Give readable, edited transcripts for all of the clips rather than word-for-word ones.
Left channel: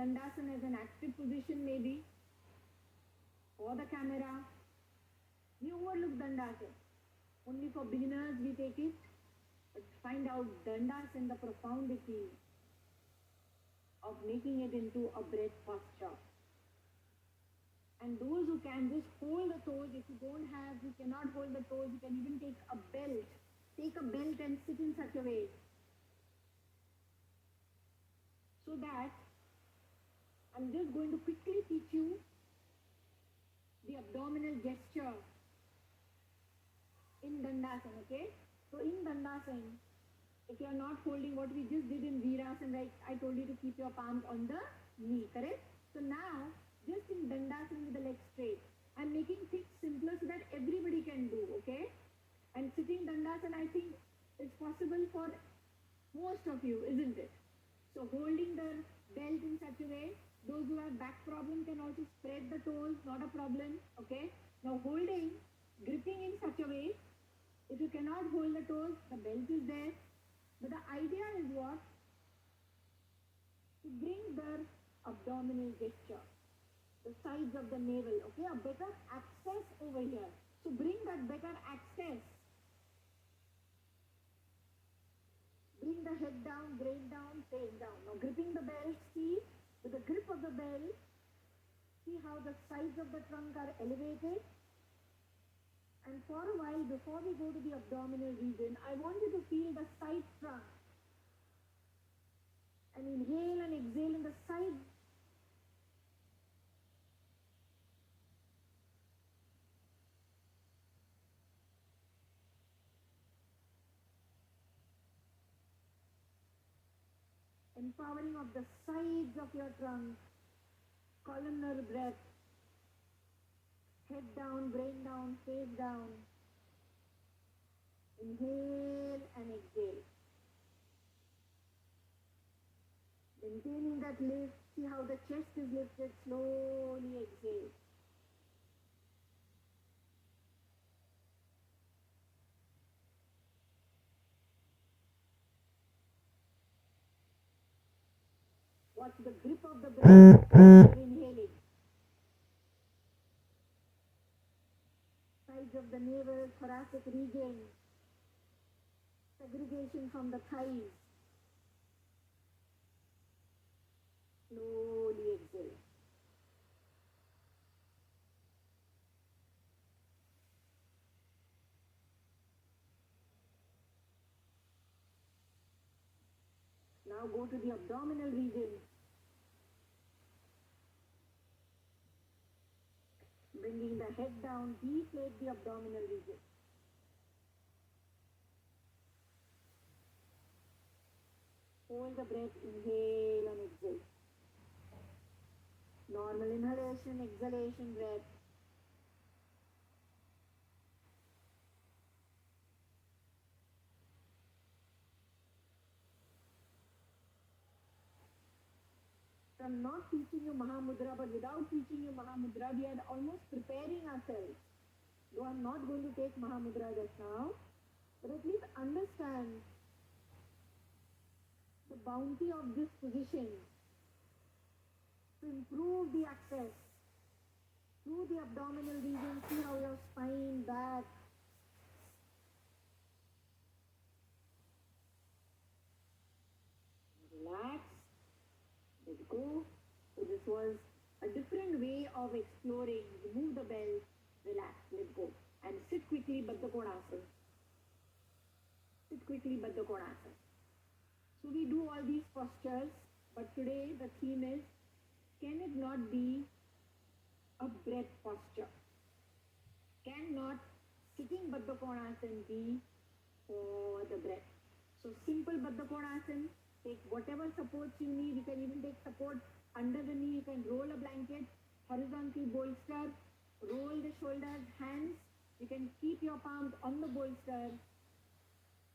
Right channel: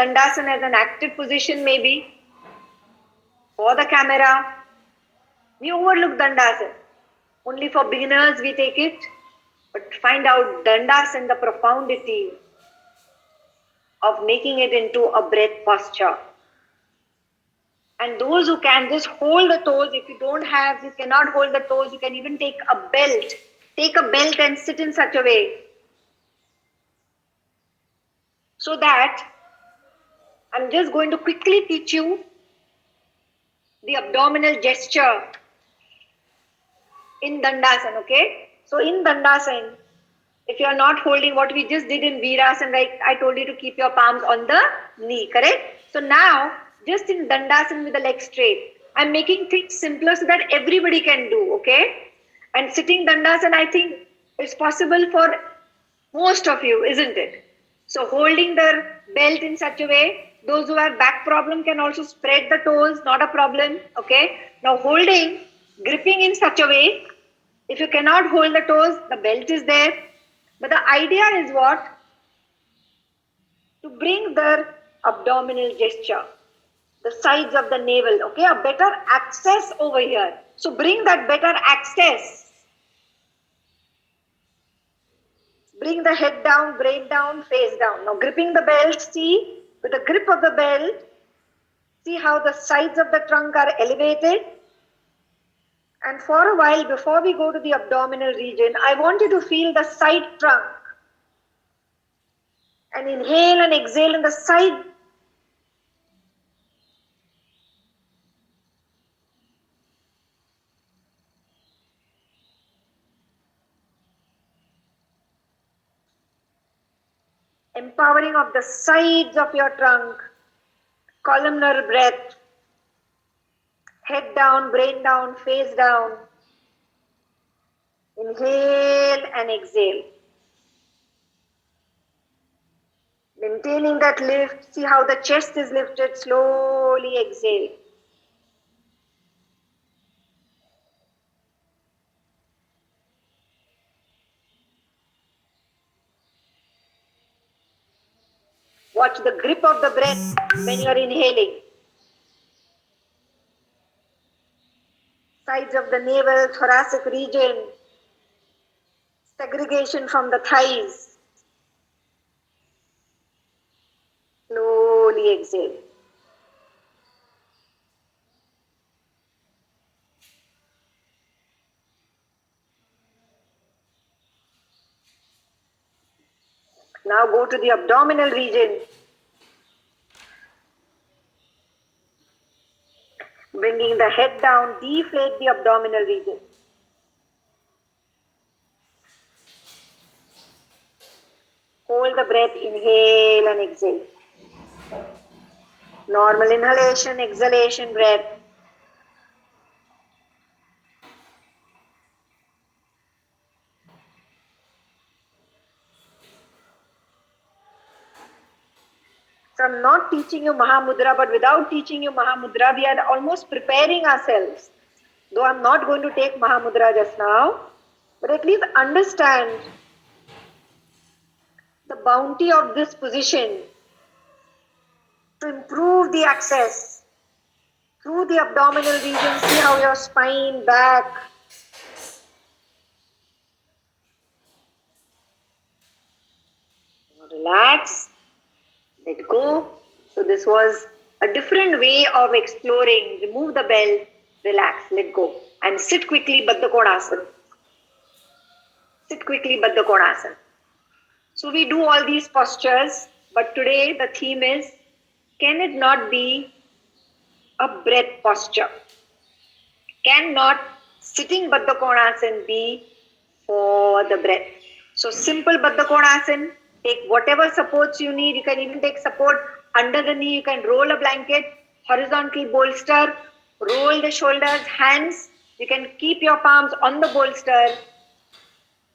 Dandasana as an active position maybe for the camera. We overlook Dandasana. Only for beginners we take it. But find out Dandasana, the profundity of making it into a breath posture. And those who can just hold the toes, if you cannot hold the toes, you can even take a belt. Take a belt and sit in such a way so that I'm just going to quickly teach you the abdominal gesture in Dandasana, okay? So in Dandasana, if you are not holding what we just did in Virasana, like I told you to keep your palms on the knee, correct? So now, just in Dandasana with the legs straight, I'm making things simpler so that everybody can do, okay? And sitting Dandasana, I think it's possible for most of you, isn't it? So holding the belt in such a way, those who have back problem can also spread the toes, not a problem, okay? Now gripping in such a way, if you cannot hold the toes, the belt is there. But the idea is what? To bring the abdominal gesture, the sides of the navel, okay? A better access over here. So bring that better access. Bring the head down, brain down, face down. Now gripping the belt, see, with the grip of the belt, see how the sides of the trunk are elevated. And for a while, before we go to the abdominal region, I want you to feel the side trunk. And inhale and exhale in the side. Empowering of the sides of your trunk. Columnar breath. Head down, brain down, face down. Inhale and exhale. Maintaining that lift. See how the chest is lifted. Slowly exhale. Watch the grip of the breath when you are inhaling. Sides of the navel, thoracic region. Segregation from the thighs. Slowly exhale. Now go to the abdominal region. Bringing the head down, deflate the abdominal region. Hold the breath, inhale and exhale. Normal inhalation, exhalation breath. So I'm not teaching you Mahamudra, but without teaching you Mahamudra, we are almost preparing ourselves. Though I'm not going to take Mahamudra just now, but at least understand the bounty of this position to improve the access through the abdominal region. See how your spine, back, relax, let go. So this was a different way of exploring. Remove the belt, relax, let go. And sit quickly, Baddha Konasana. Sit quickly, Baddha Konasana. So we do all these postures, but today the theme is, can it not be a breath posture? Cannot sitting Baddha Konasana be for the breath? So simple Baddha Konasana, take whatever supports you need. You can even take support under the knee. You can roll a blanket, horizontal bolster, roll the shoulders, hands. You can keep your palms on the bolster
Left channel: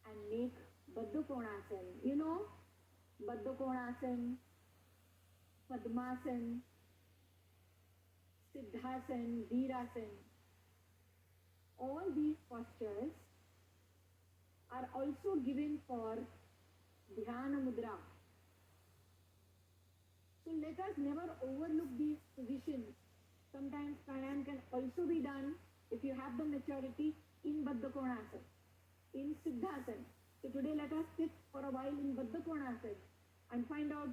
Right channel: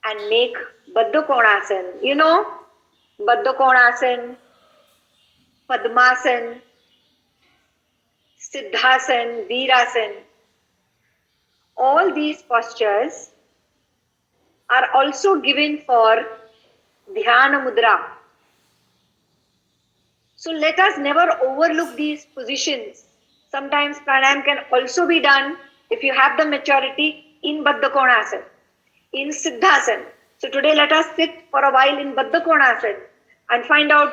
and make Baddha Konasana. You know, Baddha Konasana, Padmasana, Siddhasana, Virasana. All these postures are also given for Dhyana Mudra. So let us never overlook these positions. Sometimes pranayam can also be done if you have the maturity in Baddha Konasana, in Siddhasana. So today let us sit for a while in Baddha Konasana and find out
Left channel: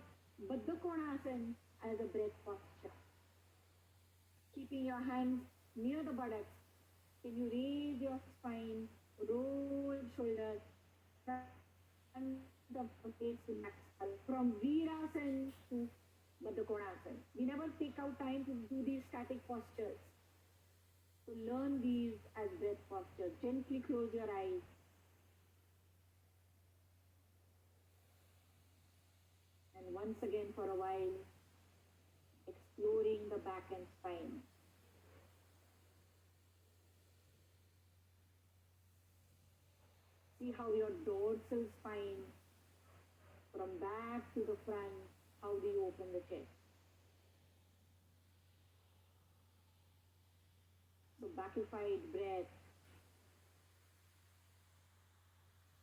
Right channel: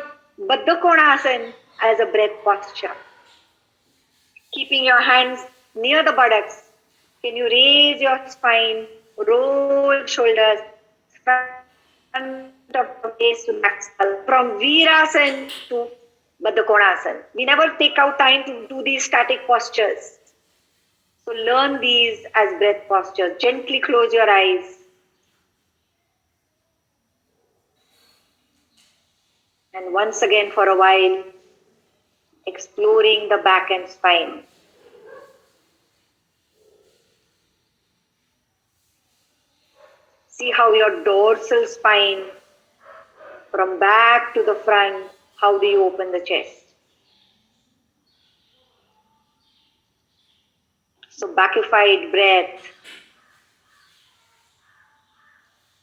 Baddha Konasana as a breath posture. Keeping your hands near the buttocks, can you raise your spine, roll shoulders, front of the face to back skull, from Virasana to Baddha Konasana. We never take out time to do these static postures. So learn these as breath postures. Gently close your eyes. And once again for a while, exploring the back and spine. See how your dorsal spine, from back to the front, how do you open the chest? So backified breath.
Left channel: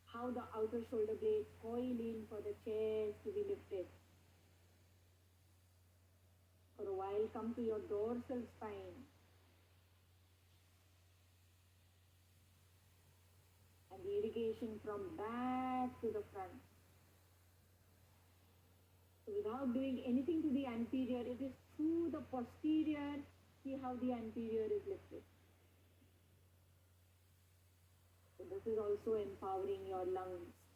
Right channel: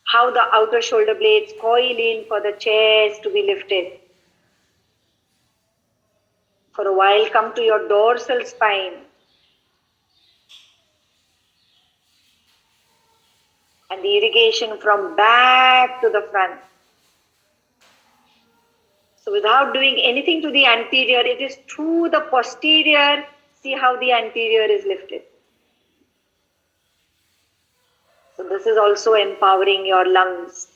How the outer shoulder blades coil in for the chest to be lifted. For a while, come to your dorsal spine. And the irrigation from back to the front. So without doing anything to the anterior, it is through the posterior. See how the anterior is lifted. So this is also empowering your lungs.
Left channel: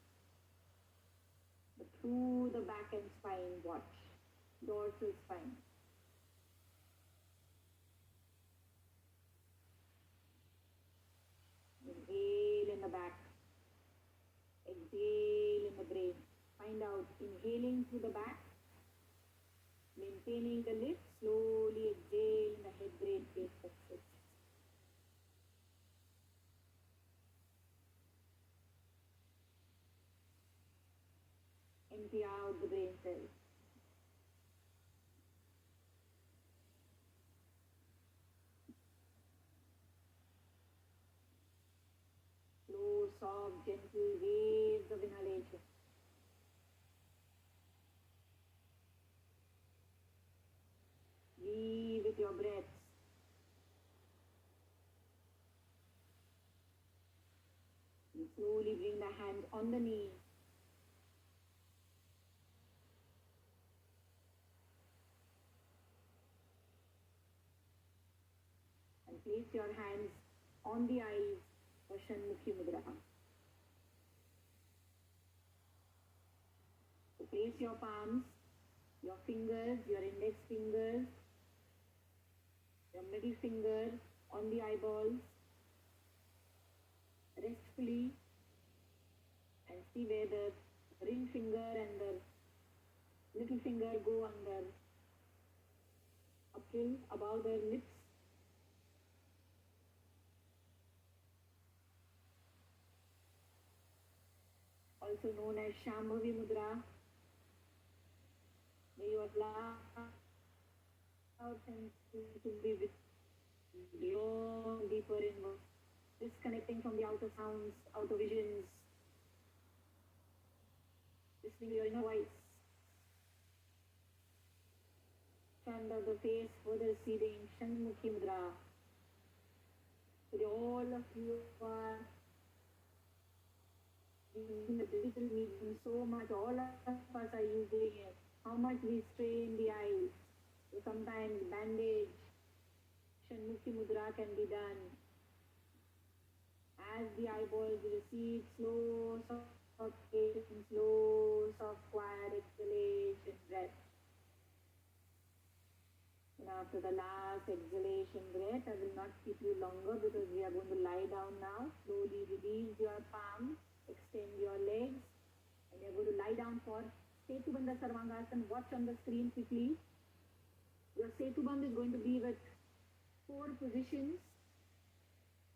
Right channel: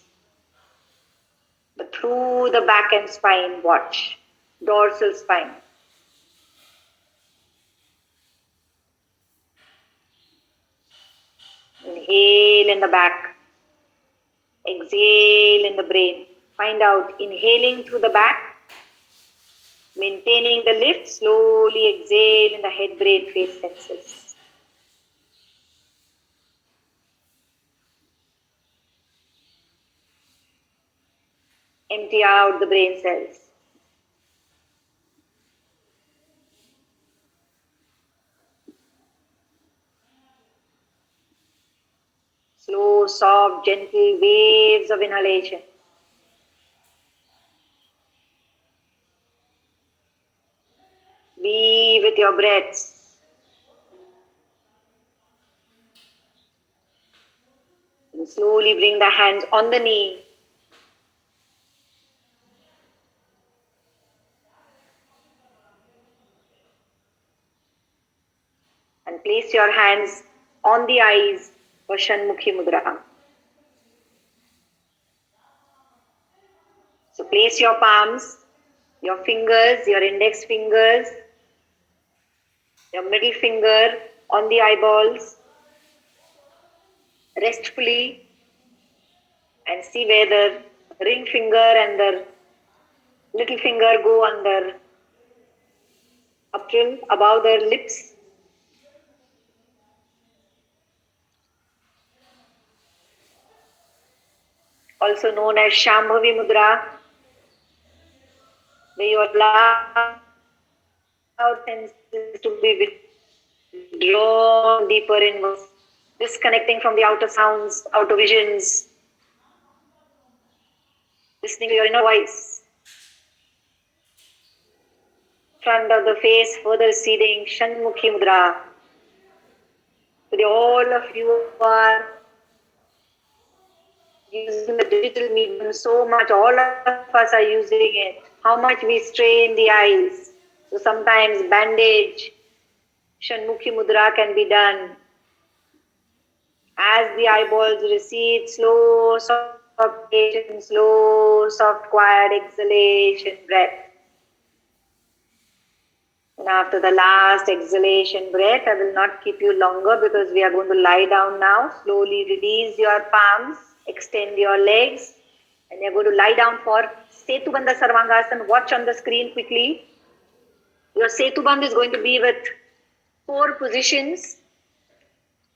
But through the back and spine, watch. Dorsal spine. Inhale in the back. Exhale in the brain. Find out, inhaling through the back. Maintaining the lift, slowly exhale in the head, brain, face senses. Empty out the brain cells. Slow, soft, gentle waves of inhalation. Be with your breaths. And slowly bring the hands on the knee. And place your hands on the eyes for Shanmukhi Mudra. So place your palms, your fingers, your index fingers, your middle finger on the eyeballs, restfully, and see where the ring finger and the little finger go under, up till above their lips. Also known as Shambhavi Mudra, where you allow senses to be withdrawn deeper inwards, disconnecting from the outer sounds, outer visions, listening to your inner voice. Front of the face further receding, Shanmukhi Mudra. Today all of you are using the digital medium so much, all of us are using it. How much we strain the eyes. So sometimes bandage, Shanmukhi Mudra can be done. As the eyeballs recede, slow, soft palpation, slow, soft, quiet exhalation, breath. And after the last exhalation breath, I will not keep you longer because we are going to lie down now. Slowly release your palms, extend your legs, and you're going to lie down for Setubandha Sarvangasana. Watch on the screen quickly. Your Setubandha is going to be with 4 positions.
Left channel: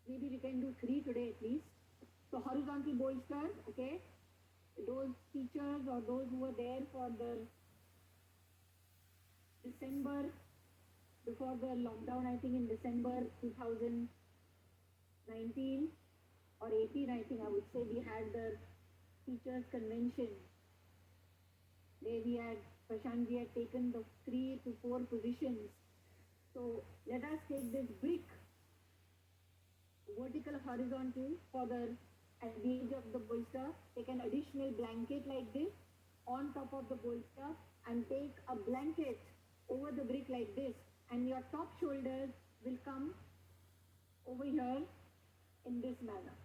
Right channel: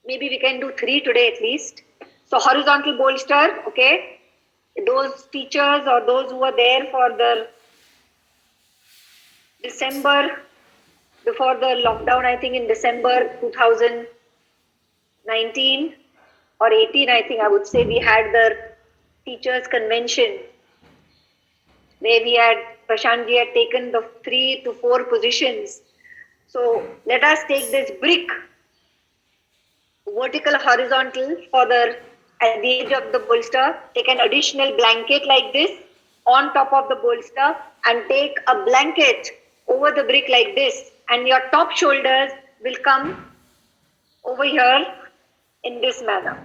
Maybe we can do 3 today at least. So horizontal bolster, okay. Those teachers or those who are there for the December, before the lockdown, I think in December 2019 or 18, I think I would say, we had the teachers convention where we had Prashant ji had taken the 3 to 4 positions. So let us take this brick, vertical, horizontal, further at the edge of the bolster. Take an additional blanket like this on top of the bolster and take a blanket over the brick like this, and your top shoulders will come over here in this manner.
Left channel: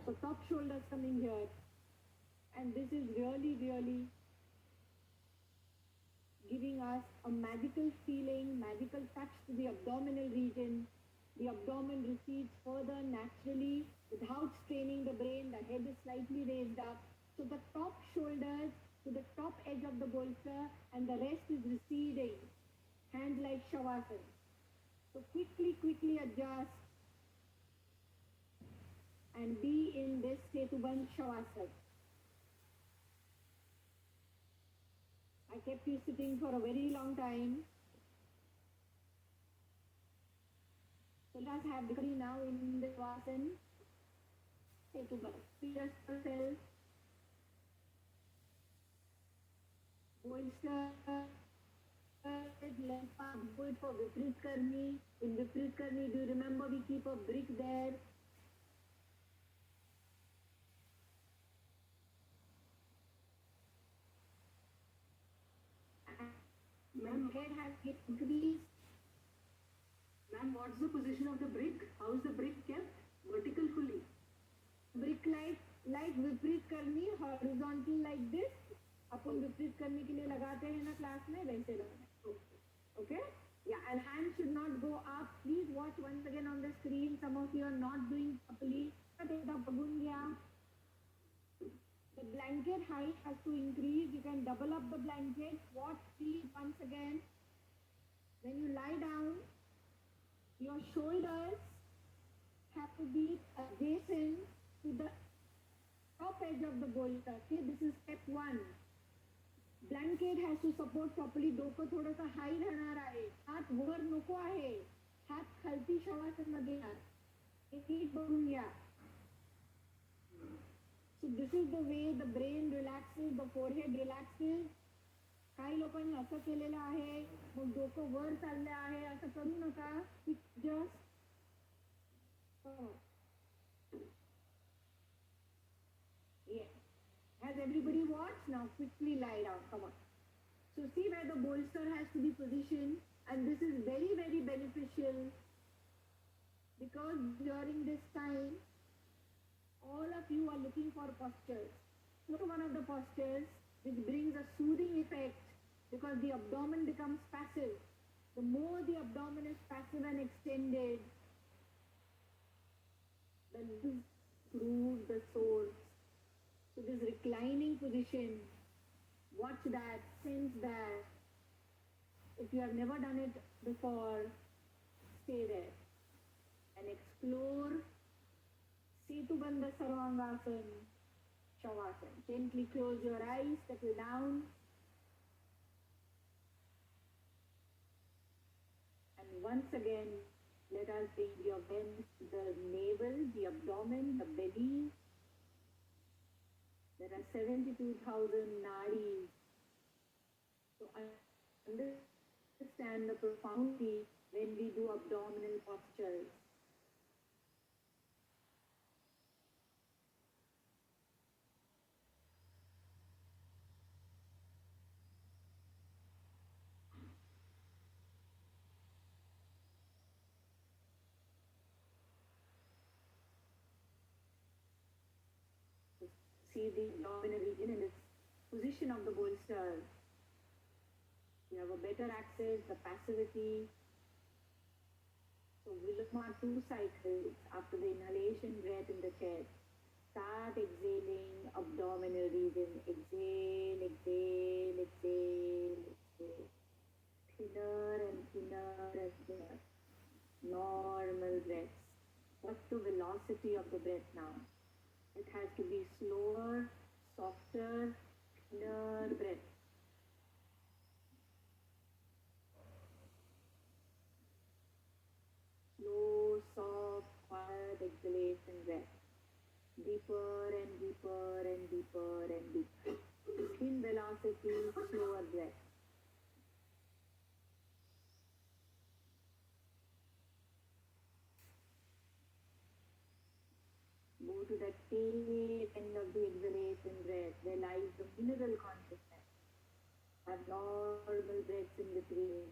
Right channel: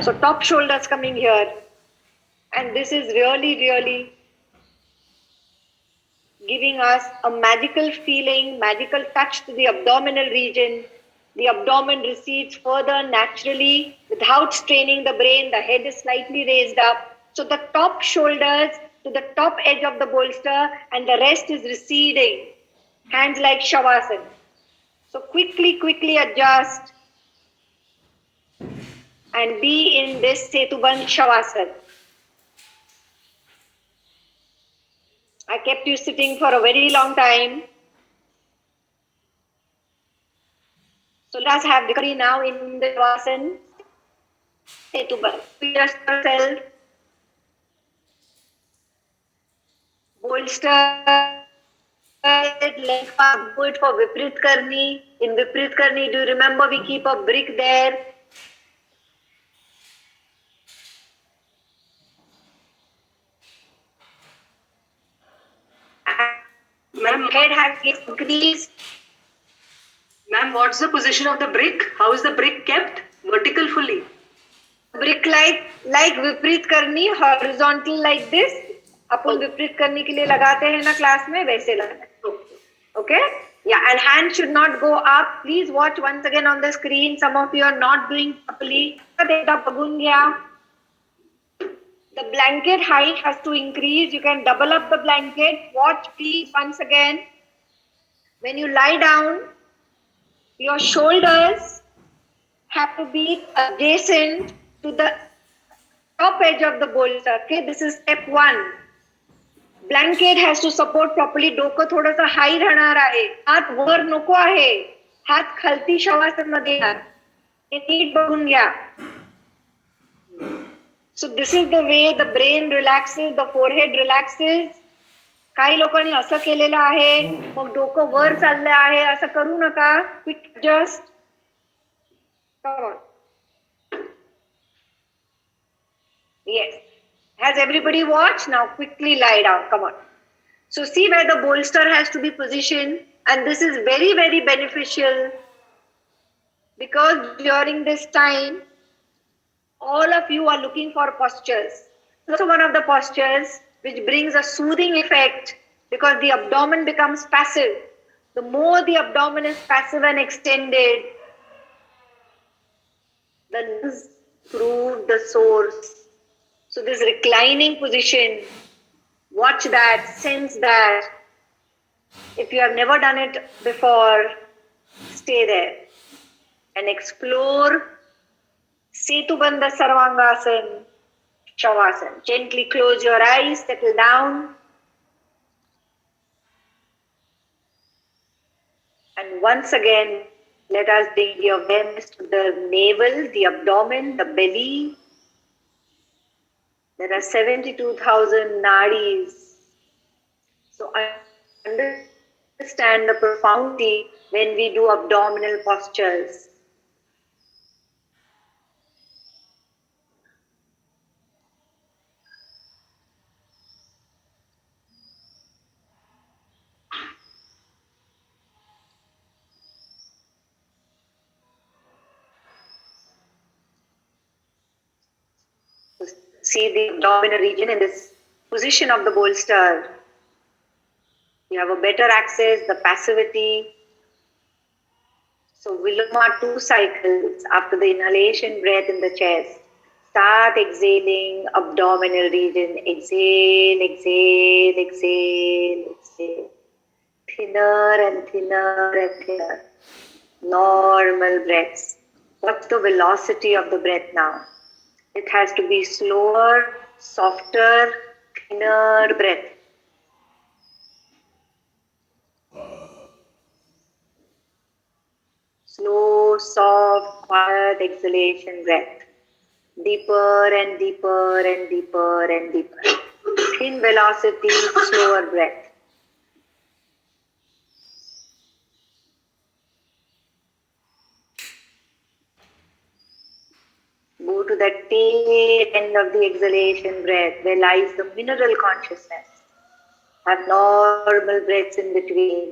So top shoulders coming here, and this is really giving us a magical feeling, magical touch to the abdominal region. The abdomen recedes further naturally without straining the brain. The head is slightly raised up. So the top shoulders to the top edge of the bolster, and the rest is receding. Hands like Shavasana. So quickly adjust and be in this Setubandh Shavasana. I kept you sitting for a very long time. So let us have recovery now in the Shavasana. Setubandh. Just yourself. Bolster. Length path, do it for Viprit Karni. In Viprit Karni, do you remember we keep a brick there? Ma'am, head has increased. Ma'am, what's the position of the brick? How is the brick kept? Vertical fully. Brick like Viprit Karni, horizontal like this. अपन विपरीत करने के लिए लगाते हैं ना class में, वैसे लगाते. Okay? Yeah, and hand should not go up. Please watch once again on the screen. Some of you are not doing properly. The blanket height has to increase. You can double up the blanket. Watch please once again. When you lie down, your shoulders have to be adjacent to the top edge of the bolster. Okay, this is step 1. Blanket has to support properly. डोकं थोडंसं high राहणार आहे. हात वर नको आहे. हात खालती शवासन मध्ये येणार. हे नीट बघून घ्या. So this is the way the brain relaxes, the forehead relaxes. काही लोकांनी असं केलेलं आहे, मग डोकं वर चाललं आहे, असं करू नका. Quick adjust. Come on. Yes. Has everybody watched? Now quickly lie down. Come on. So see where the bolster has to be positioned, and this is very beneficial because during this time, all of you are looking for postures. Also one of the postures which brings a soothing effect because the abdomen becomes passive. The more the abdomen is passive and extended, the lungs prove the source. So this reclining position, watch that, sense that. If you have never done it before, stay there and explore Setubandha Sarvangasana, Shavasana. Gently close your eyes, settle down. And once again, let us bring the awareness to the navel, the abdomen, the belly. There are 72,000 nadis. So understand the profundity when we do abdominal postures. See the abdominal region in this position of the bolster. You have a better access, the passivity. So Viloma 2 cycles after the inhalation breath in the chest. Start exhaling abdominal region. Exhale, exhale, exhale, exhale. Thinner and thinner and thinner. Normal breaths. What's the velocity of the breath now? It has to be slower, softer, thinner breath. Slow, soft, quiet exhalation breath. Deeper and deeper and deeper and deeper. Thin velocity, slower breath. to the tail end of the exhalation breath, where lies the mineral consciousness. Have normal breaths in between.